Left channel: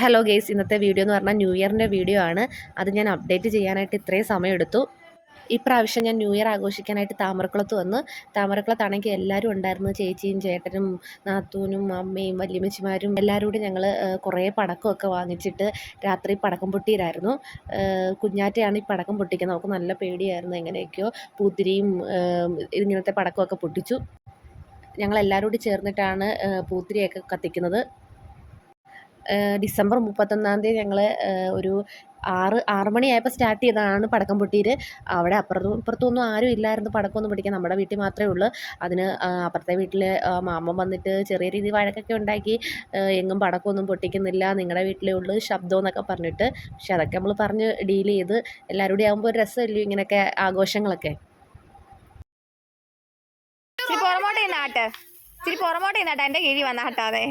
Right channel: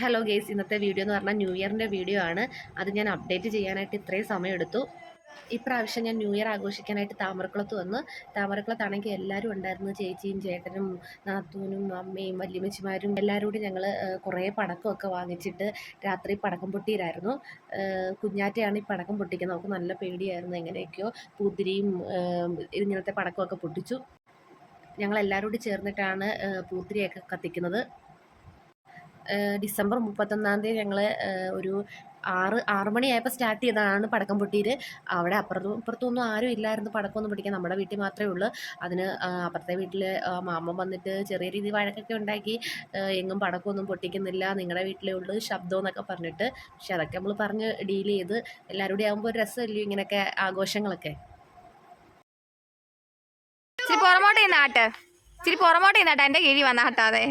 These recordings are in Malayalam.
ഹലോ ഗേസ്, ഇന്നത്തെ വീഡിയോ എന്ന് പറഞ്ഞാൽ ന്യൂ ഇയറിൻ്റെ വീഡിയോ ആണ്. അത് ഞാൻ അപ്ഡേറ്റ് ചെയ്യാനായിട്ട് ഇത്രയും സമയമെടുത്തു. ഇപ്രാവശ്യം ഞാൻ ന്യൂ ഇയർ ആഘോഷിക്കാനായിട്ട് താമരക്കുളത്ത് വന്നു. താമരക്കുളത്താണെങ്കിൽ എല്ലാവരും ഉണ്ടായിരുന്നു. ചേച്ചിയും ചേട്ടനും നാത്തൂനും അമ്മയും വല്യമ്മച്ചിമാരും എല്ലാവരും കൂടി ഞങ്ങൾ കുറേ പടക്കമൊക്കെ വാങ്ങിച്ചിട്ട് രാത്രി പടക്കം പൊട്ടിയിലായിരുന്നു. കുഞ്ഞാറ്റയാണ് ഈ പടക്കം പൊട്ടിക്കുന്നത്. നമുക്ക് നല്ല പേടിയായിരുന്നു. എങ്ങനെയൊക്കെയോ പൂത്തിരിയും ഇങ്ങനത്തെ പടക്കമൊക്കെ പൊട്ടിച്ചു. ഞങ്ങളെല്ലാവരും കൂടി ചേർന്നിട്ടാണ് പൂത്തിരിയൊക്കെ കത്തിക്കുന്നത്. ഡിസംബർ 31 ഞങ്ങൾ ഒരു 6 മണിയായപ്പോൾ സ്റ്റാർട്ട് ചെയ്തതാണ് പടക്കം പൊട്ടിയിട്ട്. അവിടെ ഇപ്പുറത്തൊന്നും ആരും ഇല്ലായിരുന്നു പടക്കമൊന്നും പൊട്ടിക്കാൻ. നമ്മുടെ വീട്ടിൽ മാത്രമേ ഉള്ളൂ. അതിന് അപ്പുറത്തെ വീട്ടിൽ മാമൻ വന്നിട്ട് ചെറിയ രീതിയിൽ വഴക്കൊക്കെ ഉണ്ടാക്കി. എങ്ങും പടക്കമൊന്നും പൊട്ടിക്കുന്നില്ല, നിങ്ങളുടെ വീട്ടിലേ ഉള്ളൂ ശബ്ദം എന്നൊക്കെ പറഞ്ഞിട്ട്. പക്ഷെ അതൊക്കെ നമ്മൾ പറഞ്ഞ് ഡീൽ ചെയ്ത്. എല്ലാവരും കൂടി ആകുമ്പോൾ ഒരു രസമല്ലോ ഇങ്ങനെയൊക്കെ ആഘോഷങ്ങളൊക്കെ. എൻ്റെ കിഴി വന്നാട്ടാതെ.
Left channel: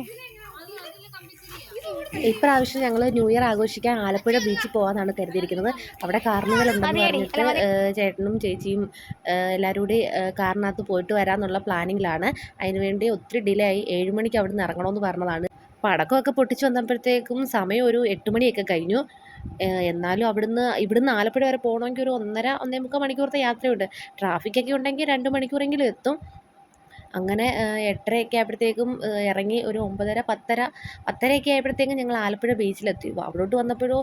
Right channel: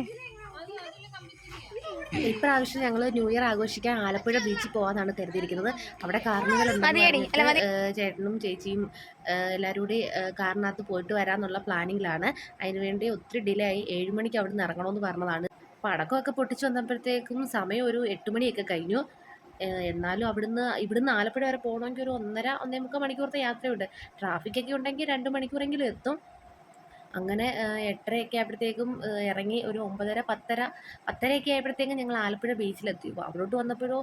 ഇപ്രാവശ്യം ഞങ്ങൾ ന്യൂ ഇയർ ആഘോഷിക്കാൻ ആലപ്പുഴ ബീച്ചിൽ പോകാനാണ് കരുതിയിരിക്കുന്നത്. അവിടെ കാർണിവൽ ഉണ്ടെന്ന് ചേട്ടനും ചേച്ചിയും എല്ലാവരും കൂടി കാറിനകത്ത് പോയിട്ട് വരാമെന്നുള്ള പ്ലാനിങ്ങിലാണ്. അതിനുവേണ്ടി ഒത്തിരി ഡിലേ ആയി. 7 മണിക്ക് അവിടെ നിന്ന് ഇറങ്ങണമെന്ന് പറഞ്ഞതാണ്. പടക്കമൊക്കെ പൊട്ടിച്ച് വന്നപ്പോഴത്തേക്കും സമയം ഒരു 8 മണിയൊക്കെ കഴിഞ്ഞു. എന്നാലും ഇവിടുന്ന് ആലപ്പുഴ വരെ പോകണമെങ്കിൽ ഒരു 1.5-1.25 മണിക്കൂറത്തെ യാത്രയുണ്ട്. ട്രാഫിക്കൊക്കെ ഉണ്ടെങ്കിൽ 2 മണിക്കൂറെങ്കിലും എത്തും. അങ്ങനെ 8:30 ആയപ്പോഴത്തേക്കും ഇറങ്ങി. ഒരു 9:30, 10:30 ആയപ്പോഴത്തേക്കും ഞങ്ങൾ ആലപ്പുഴ ബീച്ചിലെത്തി. അവിടോട്ട് വന്നപ്പോഴോ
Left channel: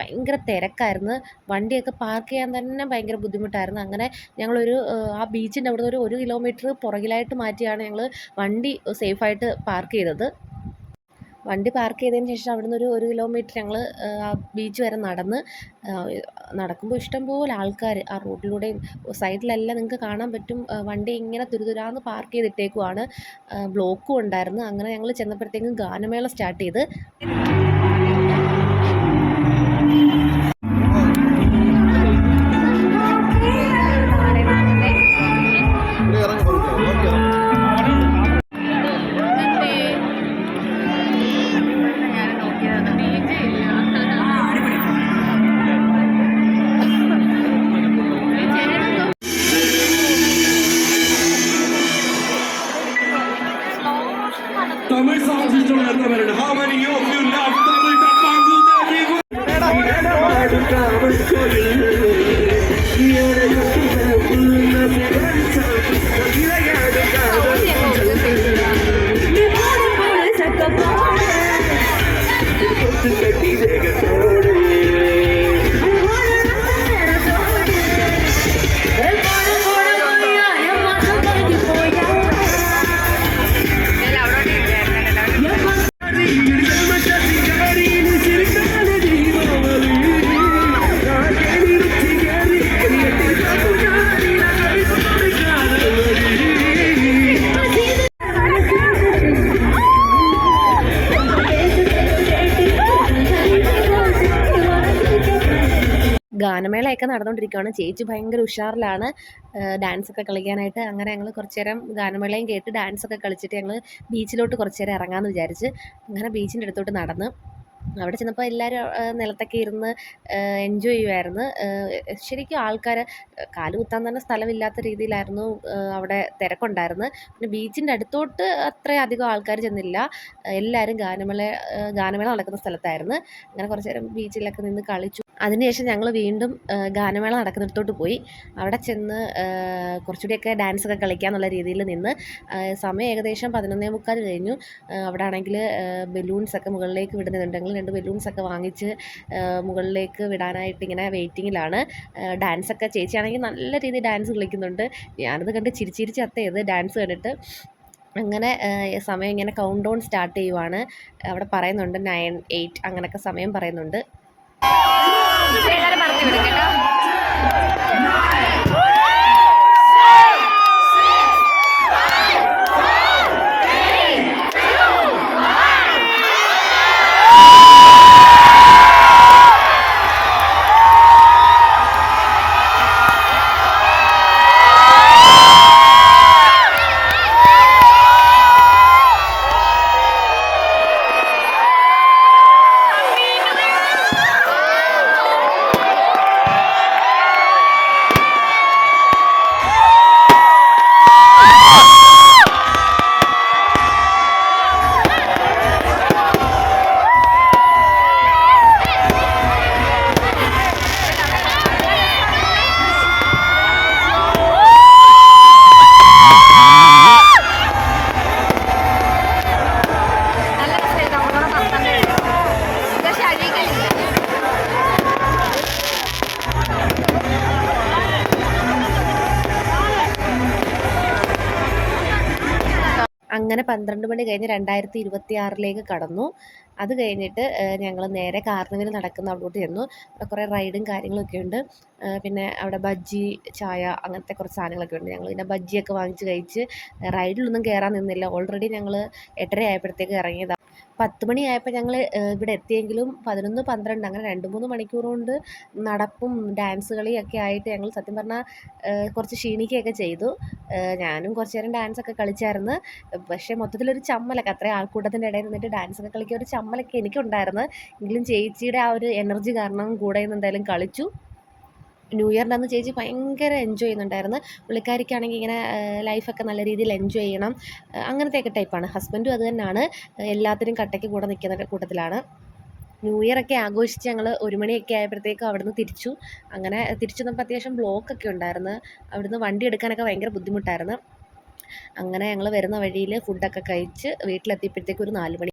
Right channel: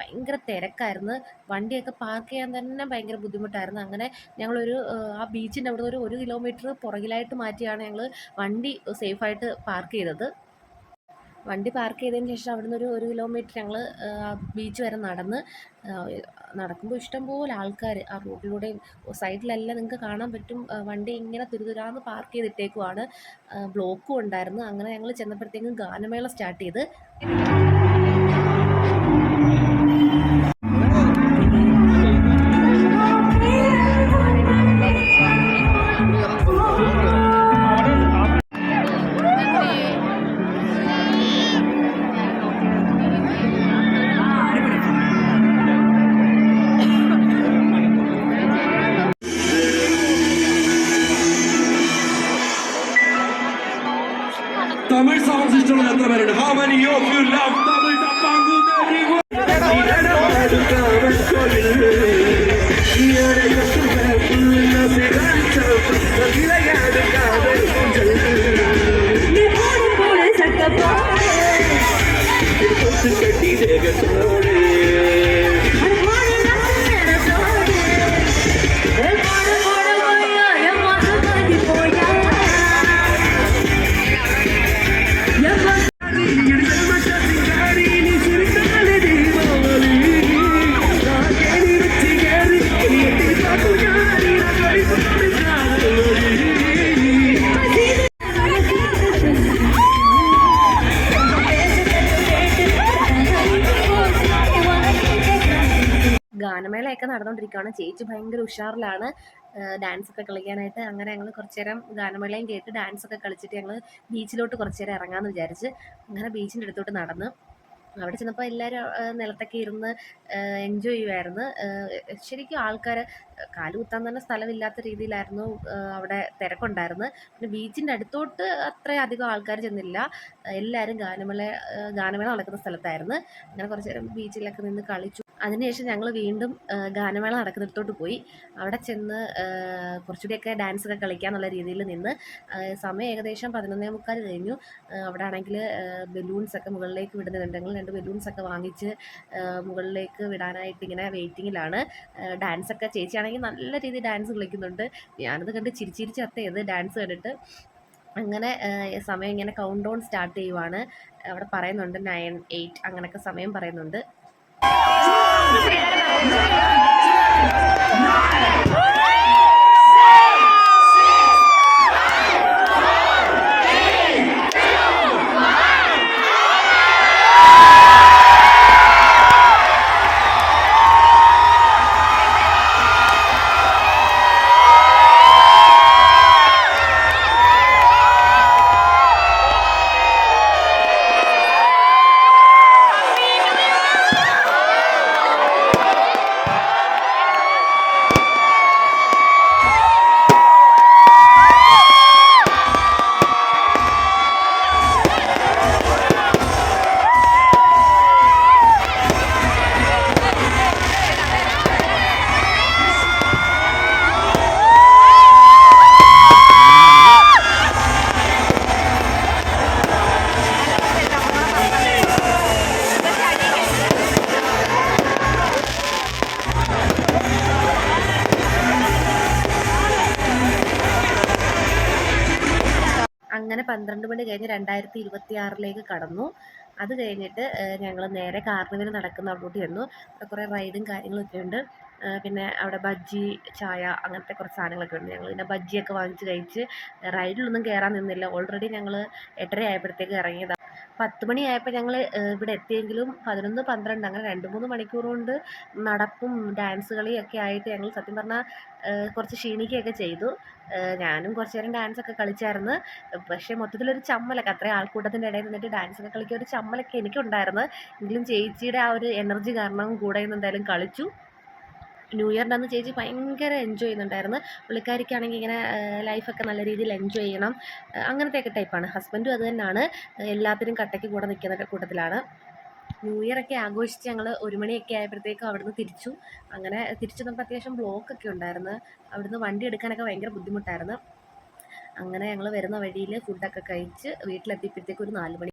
ഭയങ്കര തിരക്കായിരുന്നു. വണ്ടിയൊക്കെ പാർക്ക് ചെയ്യാൻ തന്നെ ഭയങ്കര ബുദ്ധിമുട്ടായിരുന്നു. അങ്ങനെ ഞങ്ങളൊരു ആ ബീച്ചിൻ്റെ അവിടെ ഒരു കിലോമീറ്റർ പുറകിലായിട്ട് മാറ്റിയാണ് ഞങ്ങൾ വണ്ടി സേഫായിട്ട് പാർക്ക് ചെയ്തത്. വണ്ടി പാർക്ക് ചെയ്തതിന് ശേഷം അവിടുന്ന് ഒരു കിലോമീറ്റർ ഞങ്ങൾ ബീച്ച് വരെ നടക്കുമ്പോൾ ഇഷ്ടംപോലെ ആൾക്കാർ ആ റോഡിലൂടെയും സൈഡിലെല്ലാം നിങ്ങൾക്ക് കാണാൻ പറ്റും. വണ്ടി ഇങ്ങനെ തുരുതുരാന്ന് പാർക്ക് ചെയ്തിട്ടേക്കുവാണ്. ബ്ലോക്കും ഉണ്ടായിരുന്നു. അങ്ങനെ ഞങ്ങൾ ചെന്നപ്പോഴത്തേക്കും ഗാനമേള സ്റ്റാർട്ട് ചെയ്ത്. Tamil songs ഇഷ്ടമുള്ള എത്രപേരുണ്ട്? How many of you love Tamil Dapangu? ഗാനമേളയൊക്കെ നടന്നുകൊണ്ടിരിക്കുകയാണ്. ചേച്ചി ഭയങ്കര ഉഷാറിലാണ് ഡാൻസൊക്കെ കളിക്കാനായിട്ട്. അങ്ങനെ ഞങ്ങൾ കുറച്ച് നേരം ഗാനമേളയും കേട്ട് ഡാൻസൊക്കെ കളിച്ചിട്ട് ഞങ്ങൾ ബീച്ചിലോട്ട് കുറച്ച് നേരം ഇറങ്ങാമെന്ന് വിചാരിച്ച് അങ്ങനെ ബീച്ചിൻ്റെ അടുത്തോട്ട് നടന്നു. അവിടെ ചെന്നപ്പോൾ എല്ലാവരും നിലത്തൊക്കെ ഇരുന്ന് എൻജോയ് ചെയ്യുമായിരുന്നു. ശരിക്കും ആൾക്കാർ കാല് കുത്താൻ തന്നെ സ്ഥലമില്ലാത്ത രീതിയിലായിരുന്നു അവിടെ തിരക്കുണ്ടായിരുന്നു. പിന്നെ ബീച്ചിൻ്റെ അടുത്തോട്ട് അത്രയധികം ആൾക്കാർ ചെന്നില്ല. എല്ലാവരും ഗാനമേള നടക്കുന്ന സ്ഥലത്തായിരുന്നു. അങ്ങനെ കുറച്ച് നേരം ബീച്ചിലൊക്കെ നിന്ന് കളിച്ചു. അതിനുശേഷം ഞങ്ങൾ വീണ്ടും ഗാനമേള നടക്കുന്നിടത്തോട്ട് പോയി. അവിടെ ചെന്ന് കുറച്ചുകൂടിയൊക്കെ ഡാൻസൊക്കെ കളിക്കാമെന്നുള്ള രീതിയിൽ നിന്ന്. സമയം ഏകദേശം 11:45 കഴിഞ്ഞു. അവിടെ ആണെങ്കിൽ ബലൂൺസൊക്കെ മുകളിലേക്ക് വിടുന്നുണ്ടെങ്കിൽ 2 ബലൂൺസൊക്കെ വാങ്ങിച്ച് മുകളിലേക്ക് വിടാനായിട്ട് ഇങ്ങനെ വെയിറ്റിങ്ങിലാണ്. ഡാൻസൊക്കെ ചേച്ചിയാണെങ്കിൽ നല്ല രീതിയിൽ ഡാൻസ് കളിക്കുന്നുണ്ട്. ഞാനത് കണ്ട് ചിരിച്ചിരിച്ച് ചത്തയത് ഡാൻസ് കണ്ടിട്ട്. അങ്ങനെ സമയം ഇങ്ങനെ കൗണ്ട് ഡൗൺ സ്റ്റാർട്ട് ചെയ്യുവാണ്. അവിടെ പറയുന്നുണ്ട് 9, 8 അങ്ങനെയൊക്കെ സമയം പറയുന്നുണ്ട്. അങ്ങനെ 12 മണി കഴിഞ്ഞ് 2026 കടന്നു. അത് കഴിഞ്ഞിട്ട് ഞങ്ങൾ നേരെ കാർണിവൽ നടക്കുന്ന അവിടോട്ട് ചെന്നു. അവിടെ കുറേ റൈഡും കാര്യങ്ങളൊക്കെ ഉണ്ട്. പിന്നെ അവിടെ ബജ്ജി, ചായ അങ്ങനത്തെ കുറച്ച് സാധനങ്ങളൊക്കെ ഉണ്ട്. ഞങ്ങൾ പിന്നെ ബജ്ജിയൊക്കെ വാങ്ങിച്ച് കഴിച്ച് റൈഡിലൊന്നും കയറാൻ നിന്നില്ല. ഓൾറെഡി ഞങ്ങൾ 8:30 ആയപ്പോഴത്തേക്ക് ഇറങ്ങിയതാണ്. 10 മണിയായപ്പോൾ ഞങ്ങൾ ഇവിടെ എത്തിയെങ്കിലും 11, 12 അങ്ങനെ 2-3 മണിക്കൂർ കൊണ്ട് നടപ്പും ഡാൻസ് കളിയൊക്കെ ആയിട്ട് ഞങ്ങൾ സത്യം പറഞ്ഞാൽ കുറച്ച് ക്ഷീണിക്കുകയൊക്കെ ചെയ്തു. ഞാനും കുറച്ച് നേരം ഡാൻസൊക്കെ കളിച്ചായിരുന്നു. പക്ഷേ മൊത്തത്തിലൊരു ചമ്മലൊക്കെ, അത്രയും ആൾക്കൂട്ടത്തിൻ്റെ ഇടയിൽ നിന്നിട്ട് ഡാൻസൊക്കെ കളിക്കുക ഒരു ചമ്മലൊക്കെ എനിക്കുണ്ടായിരുന്നു. എങ്കിലും ചേച്ചിയുടെ ആ ഒരു എനർജി കാരണം കൂടെ നിന്ന് എന്തായാലും കളിച്ചു. ന്യൂ ഇയറിൻ്റെ അന്ന് ചേച്ചി ഭയങ്കര എൻജോയ് ചെയ്യുന്നുണ്ടായിരുന്നു. പുള്ളിക്കാരിക്കാണെങ്കിൽ ഇങ്ങനെ ലൈഫൊക്കെ നല്ല രീതിയിൽ എൻജോയ് ചെയ്യണം അങ്ങനത്തെയൊക്കെ ടൈപ്പാണ്. ഹസ്ബൻഡും അത് തന്നെയാണ്, എല്ലാത്തിനും കട്ടയ്ക്ക് കൂടെ നിൽക്കുന്ന കൂട്ടത്തിലാണ്. ന്യൂ ഇയറൊക്കെ ആഘോഷിച്ച് ഞങ്ങൾ 1 മണിയൊക്കെ ആയപ്പോഴത്തേക്കും അവിടുന്ന് തിരിച്ചു. അങ്ങനെ തിരിച്ചു വന്നപ്പോൾ അത്യാവശ്യം ബ്ലോക്കൊക്കെ ഉണ്ടായിരുന്നു. അവിടുന്ന് വണ്ടി എടുക്കാനൊക്കെ ഭയങ്കര ബുദ്ധിമുട്ടായിരുന്നു. അങ്ങനെ ഞങ്ങൾ വരുന്ന വഴിയിൽ ഫുഡൊക്കെ കഴിച്ച് വീട്ടിലെത്തിയപ്പോഴത്തേക്കും ഒരു 4 മണി.